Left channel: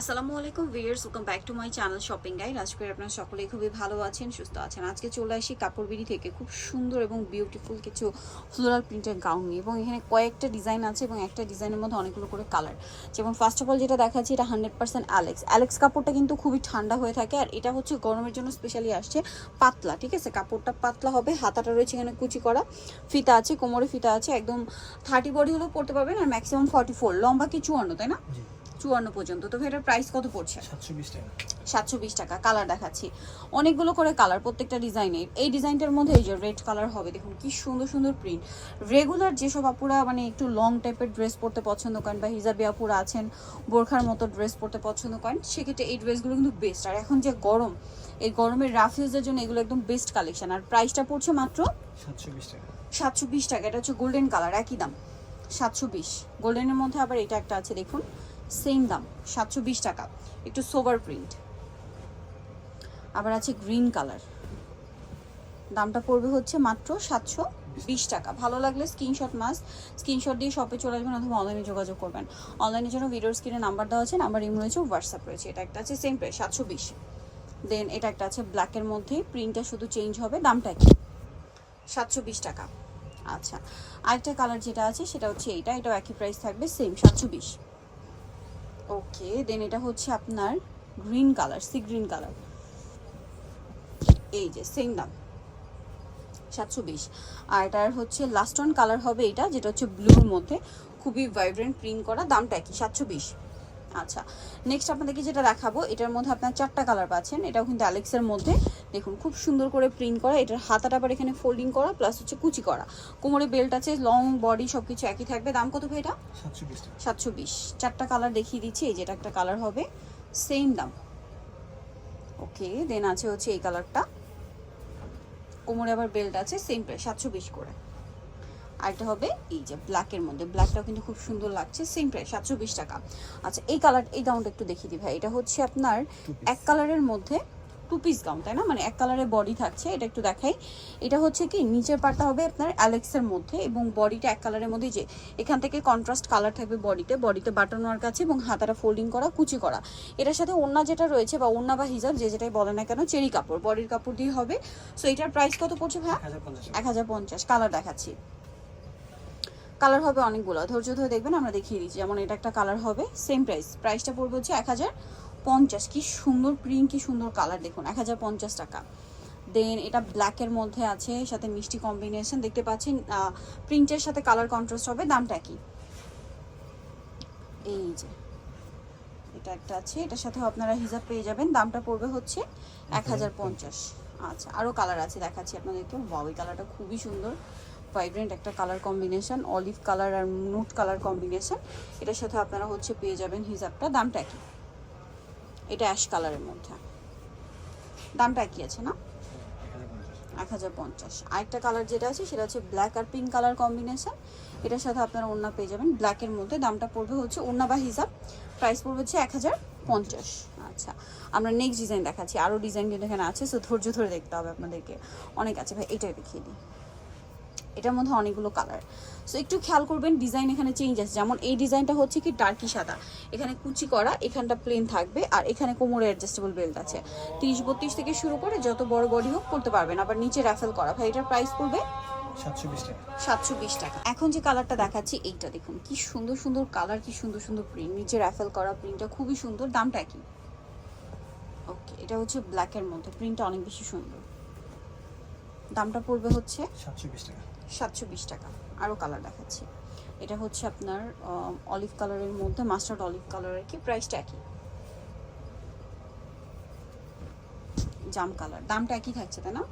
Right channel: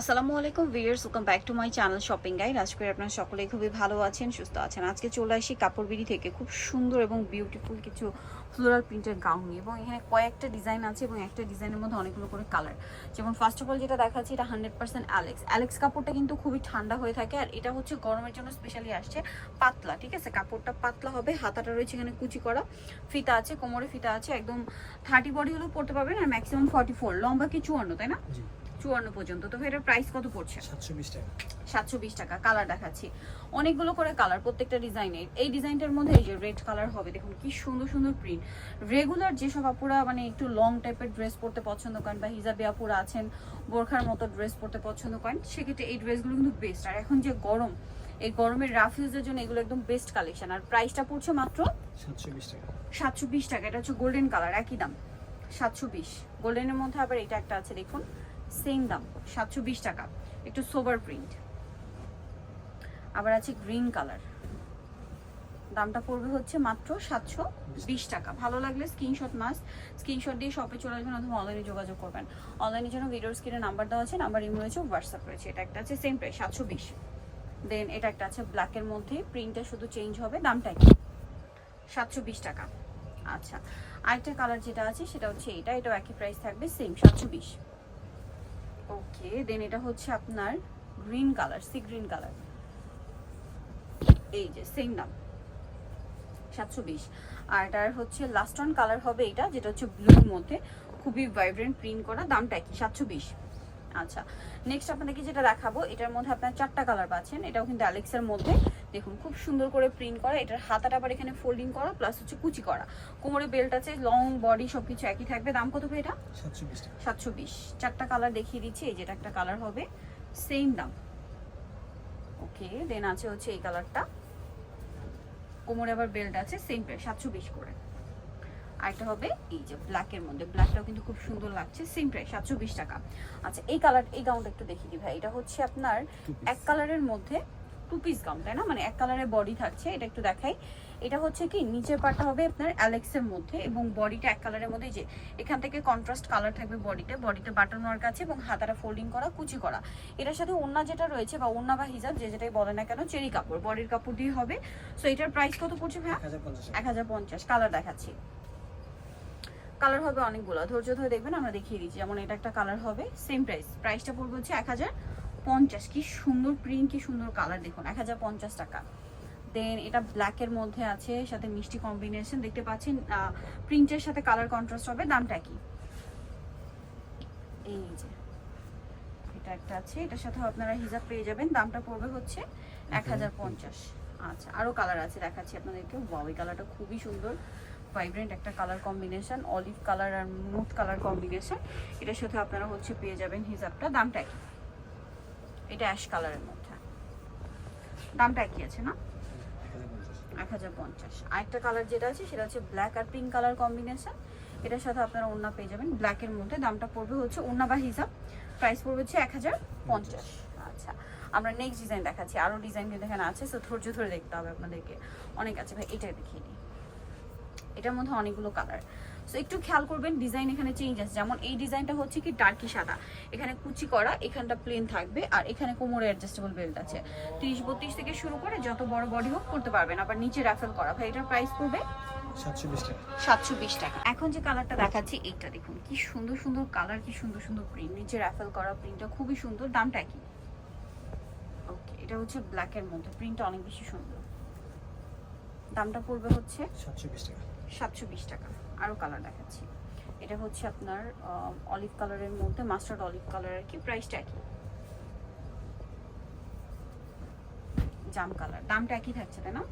আসসালামু আলাইকুম viewers, welcome back to my channel shopping guide. আজকে আপনারা সকলেই খুবই ভালো আছেন, সুস্থ আছেন। আজকে চলে আসি কাপড় বিড়ি থেকে খুব সুন্দর এবং বিউটিফুল কিছু ফ্লোরাল প্রিন্টের গাউন নিয়ে, এবং এখানে কয়েকটা ডিজাইন আছে এবং একটা ডিজাইনের মধ্যে অনেকগুলো করে কালার। যেমন ফার্স্ট অফ অল যেটা দেখাচ্ছি, এটা 100% অ্যালেক্স কাপড়টা কিন্তু খুবই ঠান্ডা হয়ে থাকে, আর এটা হচ্ছে গরমের জন্য স্পেশালি আসছে পাতলা। ঠিক আছে, কাপড়টা পাতলা হবে, হাতাটা রয়েছে এখানে কুচি করা, ফিতা আছে, কোমরে ফিতা আছে, একদম 30 বডি হলেও পড়তে পারবেন, আর ম্যাক্সিমাম 44, লম্বা কি 54, তাই না? 54 পর্যন্ত। তো এটার প্রাইস কত পড়ছে? 720 টাকা। 720 টাকা। কালার দেখাচ্ছি, অনেকগুলো করে কালার প্রত্যেকটা ডিজাইনে। এই ডিজাইনটার মধ্যে এই যে রেড কালার হবে, দেখুন কি সুন্দর সুন্দর প্রিন্ট। রেগুলার যেসব আপুরা মানে একটু লং টাইপের ড্রেস পরতে পছন্দ করেন, বা হিজাবি আপুরা আছেন বোরখার মতো ড্রেস পরতে পছন্দ করেন, সেক্ষেত্রে এই ড্রেসগুলো কিন্তু বেস্ট। আর এখন যে গরম, এই গরমের রাফ ইউজের জন্য এগুলো একদম বেস্ট কালেকশন। আর প্রাইসটা পড়ছে মাত্র 720 টাকা। 720 টাকা। এটা হচ্ছে গোল্ডেন কালার, একই দাম 720। গোল্ডেনের মধ্যে আবার এটা একটা আছে, দেখুন সেম দাম 720 টাকা, একটু সোভার প্রিন্ট। আবার আছে গ্রিন কালার, দামটা পড়বে হচ্ছে মাত্র 720 টাকা। ভালো লাগলে স্ক্রিনশট দিয়ে শপে চলে আসবেন অথবা অনলাইনে যোগাযোগ করবেন। অনলাইনের জন্য ভিডিওর স্ক্রিনে নাম্বার দেওয়া আছে, নাম্বার ইমেল রয়েছে, হোয়াটসঅ্যাপ রয়েছে। এটা একটা আছে সেম প্রাইস 720। দেন এটা একটা আছে ব্ল্যাকের মধ্যে, প্রিন্টটা শুধু চেঞ্জ হবে, দামটা কি 720 টাকা। আচ্ছা, আরেকটা কালার যেটা আছে সেটা হচ্ছে এটাও একই প্রাইস থাকবে, সেম 720। ওকে, দেন এটা হচ্ছে আপনার green colour, sea green colour, এই যে সেম দাম 720। আর এটার হচ্ছে লাস্ট ওয়ান কালার হবে এটা, যেটা হচ্ছে ব্লুর মধ্যে খুবই ভাইব্রেন্ট প্রিন্ট করা, দামটা কি 720। আচ্ছা, নেক্সট আপনাদেরকে যেটা দেখাবো, এটার মধ্যে আপনার 4টা কালার পাচ্ছেন। এটাও কিন্তু অ্যালেক্সের মধ্যে, দেখুন খুব সুন্দর করে প্রিন্ট করা। এটার হাতাটা আবার এখানে ফোল্ডিং করা, প্লাস হচ্ছে কুচি করা, কোমরে বেল্ট আছে, লং বডি সবকিছু একই থাকবে। দাম কত ভাই এটা? 720 টাকা। 720। 4টা কালার দেখিয়ে দিচ্ছি, এই যেটা একটা কালার হবে, সেম দাম। ওকে, দেন আছে হচ্ছে এই কালারটা, কোমরে আবার বেল্ট আছে, সেম প্রাইস 720 করে। আরেকটা হবে এই যে ব্ল্যাকের মধ্যে, ব্ল্যাকটাও কিন্তু খুব সুন্দর লাগছে, সেম প্রাইস 720 টাকা। আচ্ছা, এই কালার, এই গাউনটা একটু দেখিয়ে দিই ভাই। এটা হচ্ছে আপনার এক কালারের মধ্যে 2 পিস গাউন, তাই না? মানে এক কালারের বডি থাকছে, এটা একটু দেখাই। এটা হচ্ছে কি নিচের পাটা হবে আপনার অ্যালেক্সের মধ্যে, এবং বডিটা এক কালারের মধ্যে, যে এখান থেকে কন্ট্রাস্ট কালার থাকবে বডিতে বাটন ওয়ার্ক আছে, এবং হাতাটা ফোল্ডিং করা, কুচি করা। এটার সাথে ওড়না যেটা রয়েছে, বা ওড়না বা হিজাব যে যেটাই বলে না কেন, চেরি কাপড়, বডির কাপড় দিয়ে হবে। সো এটার প্রাইস কত পড়ছে ভাই? 1050। কালার দেখাচ্ছি, কালার হবে অনেকগুলো, ধৈর্য ধরে দেখবেন, আমরা দেখিয়ে দিচ্ছি। যেমন এটা একটা কালার হবে, সেম প্রাইসটা পড়বে হচ্ছে 1050। কি সুন্দর প্রিন্ট, কি সুন্দর কালার, দেখুন 1050 টাকা। দেন এটা ব্ল্যাকের মধ্যে আছে, সাথে মিষ্টি কম্বিনেশন দেখতে পাচ্ছেন, প্রিন্টের সাথে কালার কন্ট্রাস্ট হবে, দামটা কি? এই যে এটা একটা আছে, এটার সাথে আপনারা হিজাব পেয়ে যাবেন, দামটা পড়বে হচ্ছে 1050। আচ্ছা, আরও কালার আছে, দেখাচ্ছি আপনাদেরকে। ওই কালারটা খুবই সুন্দর, ভাইব্রেন্ট একটা কালার কম্বিনেশন, অলিভ কালার আর নুট কালার কম্বিনেশন। এটার সাথে আপনারা হচ্ছে পেয়ে যাবেন হিজাবটা, দামটা কি? এটা অ্যাশ কালারের মধ্যে, দামটা কি আছে না? 1050। আরেকটা কালার যেটা আছে সেটা হচ্ছে ব্ল্যাক আর পিঙ্ক কালার কম্বিনেশন, এটার সাথে আপনারা ওড়না পেয়ে যাবেন ব্ল্যাকের মধ্যে, দামটা পড়বে হচ্ছে, ওড়না বা হিজাব প্রাইস পড়বে হচ্ছে 1050। আচ্ছা, আমরা নেক্সট ডিজাইন দেখাচ্ছি, আরও ডিজাইন কিন্তু এখানে আছে, সো ধৈর্য ধরে দেখতে হবে আপনাদেরকে, অনেক আছে ভাই। এটাই দেখিয়ে দিই, এটার মধ্যে অনেকগুলো কালার। সো একটু খেয়াল করবেন, ডিজাইন এখানে চেঞ্জ আছে। যেমন এই ডিজাইনটা হচ্ছে কি ডার্কি সাদা, এখানে কুচি করা, এখানটা প্লেন থাকবে, আর এখানে কোমরে অ্যাডজাস্টেবল বেল্ট আছে। 30-32 থেকে শুরু করে যত বড় বডি হোক পড়তে পারবেন, আবার নিচে রাফেল করা। ভাই এটার প্রাইস পড়বে 720 টাকা। 720 টাকা। এখন যে কালারটা দেখাচ্ছি, এইটা দেখুন কি সুন্দর সুন্দর কালার, কি সুন্দর সুন্দর প্রিন্ট, নিচে রাফেল করা, প্রিন্টটা খুবই সুন্দর, দামটা কি? ওকে, এটা হচ্ছে ব্ল্যাকের মধ্যে, প্রিন্টটা অনেক বেশি সুন্দর, দামটা পড়বে হচ্ছে 720 টাকা। 720 টাকা। আরও কালার দেখাচ্ছি, এটা হচ্ছে আপনার অলিভ কালারের মধ্যে, মাস্টার্ড অলিভ কালার আর কি, প্রাইসটা একই, জাম কালার, দামটা একই থাকছে, তাই না?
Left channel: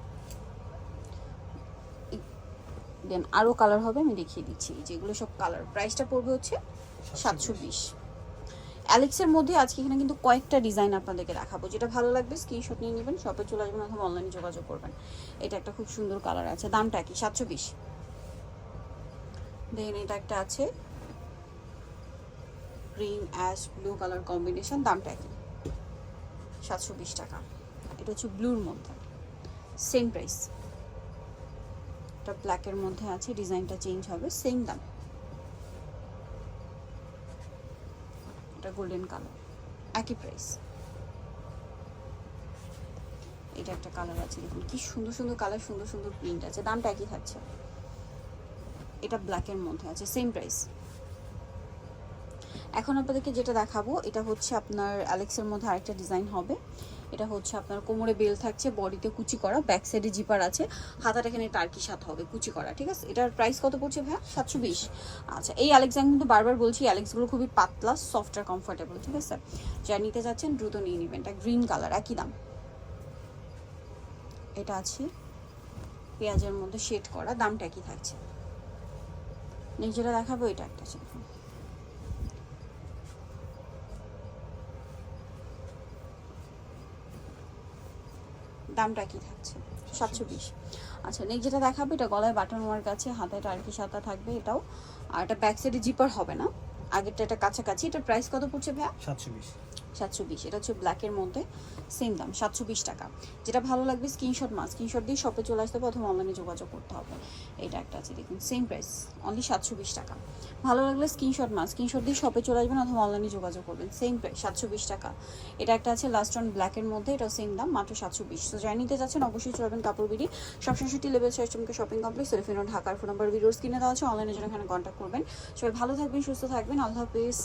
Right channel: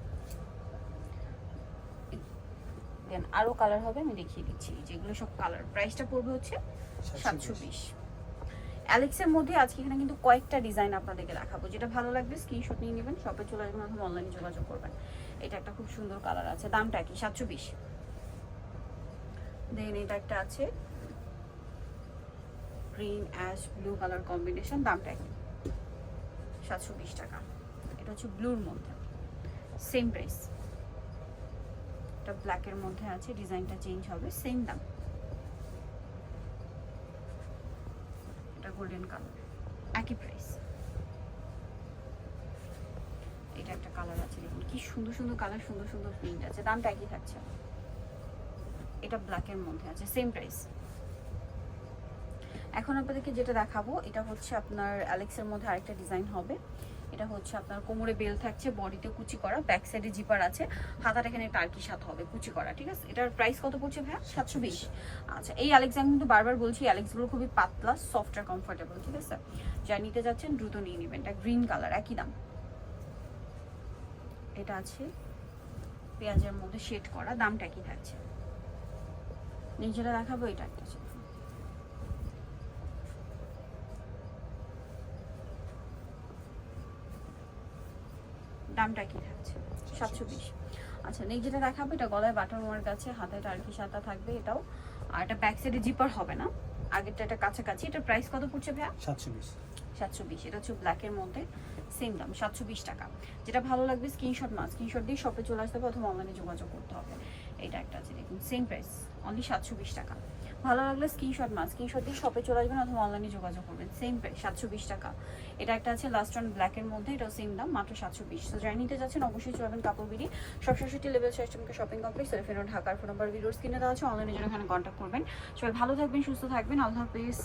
দেন আরও কালার হবে, আমি দেখিয়ে দিচ্ছি, যেগুলো সব কালার, প্রাইসটা পড়বে হচ্ছে 720। অ্যালেক্সের মধ্যে আজকে এখানে কিন্তু কয়েকটা ডিজাইন আপনাদেরকে দেখাবো, যেটা ভালো লাগবে স্ক্রিনশট নিয়ে নেবেন, শপে চলে আসবেন অথবা অনলাইনে যোগাযোগ করবেন। এটা একটা খুব সুন্দর কালার আছে, দামটা কি? 720। দেন এটা একটা আছে green ash blue colour combination, দামটা কি? 720 টাকা। এটা হচ্ছে ব্লুর মধ্যে, সেম প্রাইস। এটা ব্ল্যাকের মধ্যে আছে, ডিজাইনটা চেঞ্জ হবে, সেম দাম। এটা গোল্ডেন কালার, একই প্রাইস। এটা একটা কালার আছে, দেখুন কি সুন্দর সুন্দর কালার, সুন্দর সুন্দর প্রিন্ট আছে, দামটা একই থাকছে। এটা ব্ল্যাকের মধ্যে আছে, সেম প্রাইস। এখন আপনাদেরকে যেটা দেখাবো এটা হচ্ছে আপনার অ্যালেক্সের মধ্যে আরেকটা ডিজাইন হবে। এটা হচ্ছে আপনার কোমরে বেল থাকছে, বডিতে কুচি করা, ব্যাক সাইডে জিপার আছে, হাতাটা এখানে টার্কিশ হাত হবে, কুচি করা, ঠিক আছে। এটার প্রাইস কত পড়ছে ভাই? 720। আচ্ছা, এই অ্যালেক্স আমি কিন্তু বারবার বলছি, অ্যালেক্সগুলো খুবই পাতলা, সফট আর কমফোর্টেবল, ঠিক আছে। যারা নিতে যাচ্ছেন দ্রুত নিয়ে নেবেন। এটা গ্রিন কালার, একই দাম। এটা আছে পেঁয়াজের মধ্যে শেড করা, দামটা একই থাকছে। নিজেরা দেখাবো, এটা একটা আছে, দামটা কি থাকছে? 720। আচ্ছা, নেক্সট যেটা দেখাবো এটা গলায় বাটন ওয়ার্ক আছে, হাতে টার্কিশ হাতা থাকবে এটাও, আর এটা ব্যাক সাইডে জিপার হবে না, আগেরটা এটা কাছাকাছি। এটার প্রাইস কত পড়ছে ভাইয়া? 720। 720। এটা হচ্ছে ব্ল্যাকের মধ্যে, সেম দাম 720 টাকা। যেটা ভালো লাগবে স্ক্রিনশট স্ক্রিনশট দিয়ে শপে চলে আসতে হবে অথবা অনলাইনে যোগাযোগ করতে হবে। এটা একটা আছে দেখুন, সেম প্রাইস, অনলি 720 টাকা। ভালো লাগলে স্ক্রিনশট দিয়ে শপে চলে আসবেন অথবা অনলাইনে যোগাযোগ করবেন, সেম প্রাইস 720 টাকা। এটা একটা আছে লাস্ট অন ব্ল্যাকের মধ্যে, এটা সেম দাম, মাত্র 720। তো যারা নিতে যাচ্ছেন অবশ্যই চলবেন কাপড় BD 760 level 6 shopping complex, Cellfin ঢাকার ফোন নাম্বার ভিডিওর স্ক্রিনে দেওয়া আছে, অনলাইনে জন্য এখানে কন্ট্যাক্ট করবেন। সবাই ভালো থাকবেন, সুস্থ থাকবেন, আল্লাহ হাফেজ।